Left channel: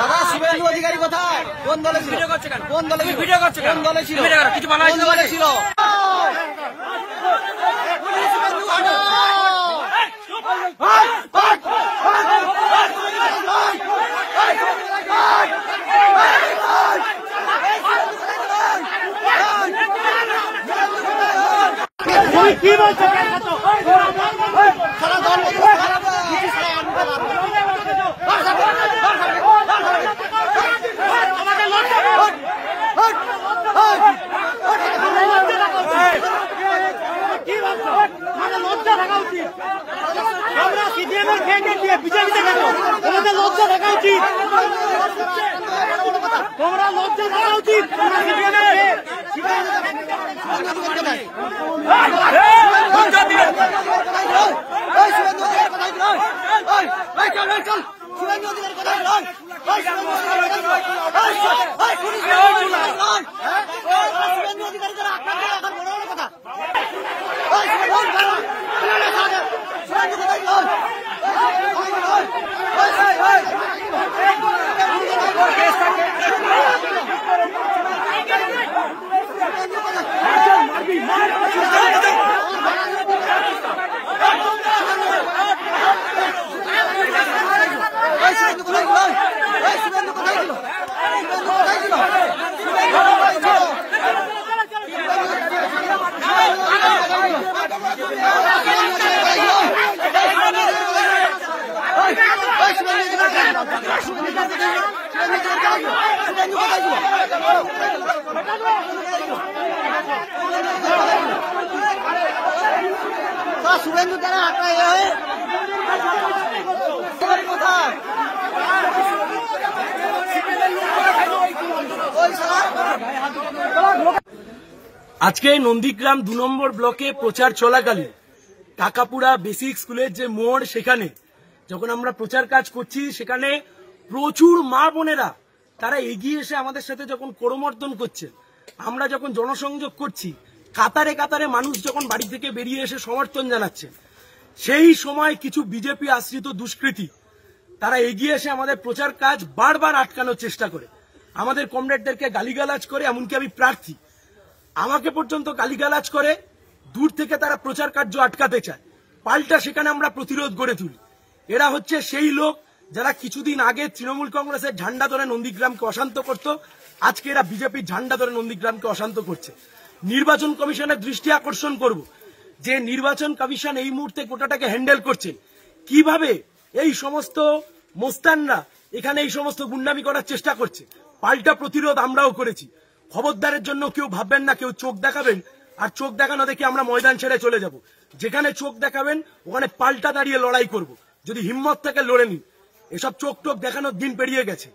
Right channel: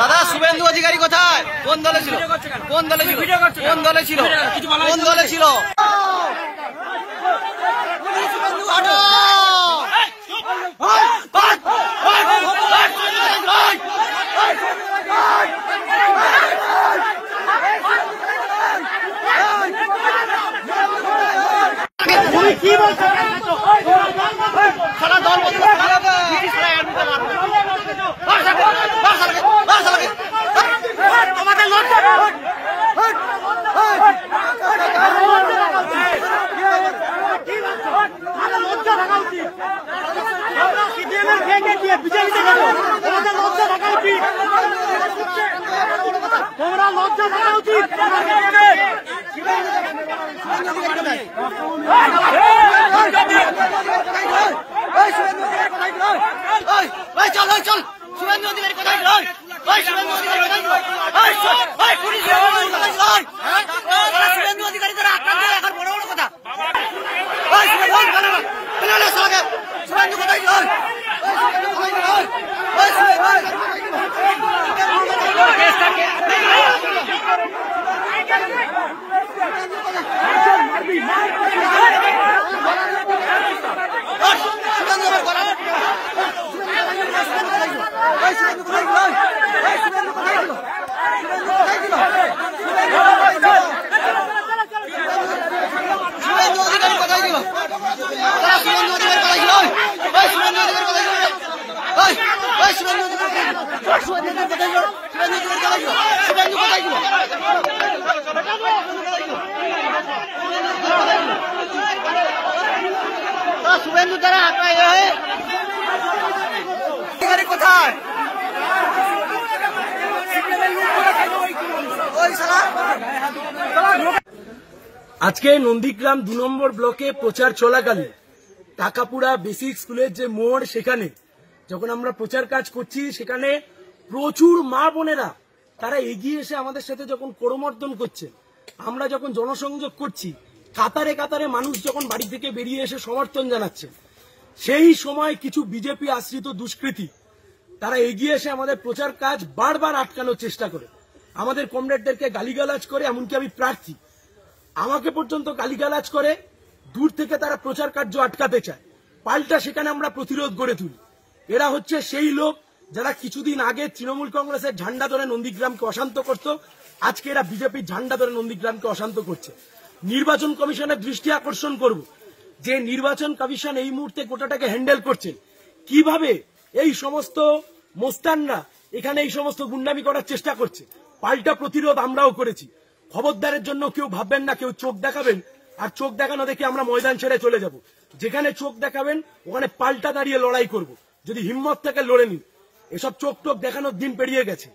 দাদা শুভেন্দু অধিকারী কোথায়? কোন দলে ছিল? কোন দলে ছিল? কোন দলে ছিল? কোন দলে ছিল? কি বলছো? সারা দল বিজেপিতে লজ্জা থাকা উচিত, তোমরা লজ্জা থাকা উচিত। চল শুভেন্দু অধিকারী কোথায় গেল? শুভেন্দু অধিকারী কোথায় গেল? শুভেন্দু অধিকারী তারা আক্রান্ত এখন বড় বড় কথা। শুভেন্দু কোথায় গেল? শুভেন্দু দ্বারা কোথায়? আজকে নন্দীগ্রাম 2 নম্বর ব্লকে প্রচার চলাকালীন কাকাপুরা বেসিক স্কুলের যে মোড়, সেখানে যখন আমরা প্রচার কাজ করছি, সেখানে প্রচুর মা বোনেরা তারা এগিয়ে এসে আমাদের সাথে যখন করমর্দন করছে, আমরা যখন জনসংযোগ করছি, কাতারে কাতারে মানুষ যখন বাড়ি থেকে বেরিয়ে এসে সমর্থন জানাচ্ছে, সেই সময় কিছু বিজেপি আশ্রিত দুষ্কৃতী তারা এগিয়ে এসে আমাদের প্রচার কাজ বারবার আটকানোর চেষ্টা করে, আমাদের কমরেডদেরকে গালিগালাজ করে। এমনকি আমি প্রার্থী, আমাকে পর্যন্ত গালিগালাজ করে, দূর থেকে তারা প্রচার কার্য আটকাতে চায়। পাল্টা সেখানে আমরা প্রতিরোধ গড়ে তুলি। এরা হচ্ছে সেই লোক যারা কিছুদিন আগে তৃণমূল কংগ্রেসের ঝান্ডা ধরে নন্দীগ্রামকে অশান্ত করত, আজকে এরা বিজেপির ঝান্ডা ধরে নন্দীগ্রামকে অশান্ত করছে। নির্বাচন কমিশনের দৃষ্টি আকর্ষণ করব যে নির্বাচন কমিশন এই মুহূর্তে গোটাটাকে হ্যান্ডেল করছে, কিভাবে এই সমস্ত মোস্তানরা এখানে এই সমস্ত গুন্ডামি করার চেষ্টা করছে। পাল্টা প্রতিরোধ আমরাও করেছি। খবরদারের জন্য কেউ ভাববেন না কেউ চোখ দেখাবেন আর চোখ দেখানো দেখে আমরা ময়দান ছেড়ে চলে যাব। যেখানে চোখ দেখাবেন ওখানে পাল্টা দাঁড়িয়ে লড়াই করব। যদি হিম্মত থেকে লড়ে নিন, এসব চোখ টোক দেখানোর দিন পেরিয়ে গেছে।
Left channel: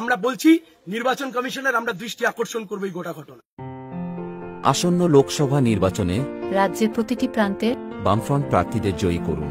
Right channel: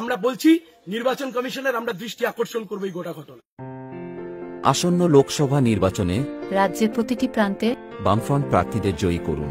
আমরা বলছি নির্বাচন কমিশনের আমরা দৃষ্টি আকর্ষণ করব এই গোটা ঘটনা। আসন্ন লোকসভা নির্বাচনে রাজ্যের প্রতিটি প্রান্তে বামফ্রন্ট প্রার্থীদের জয়ী করুন।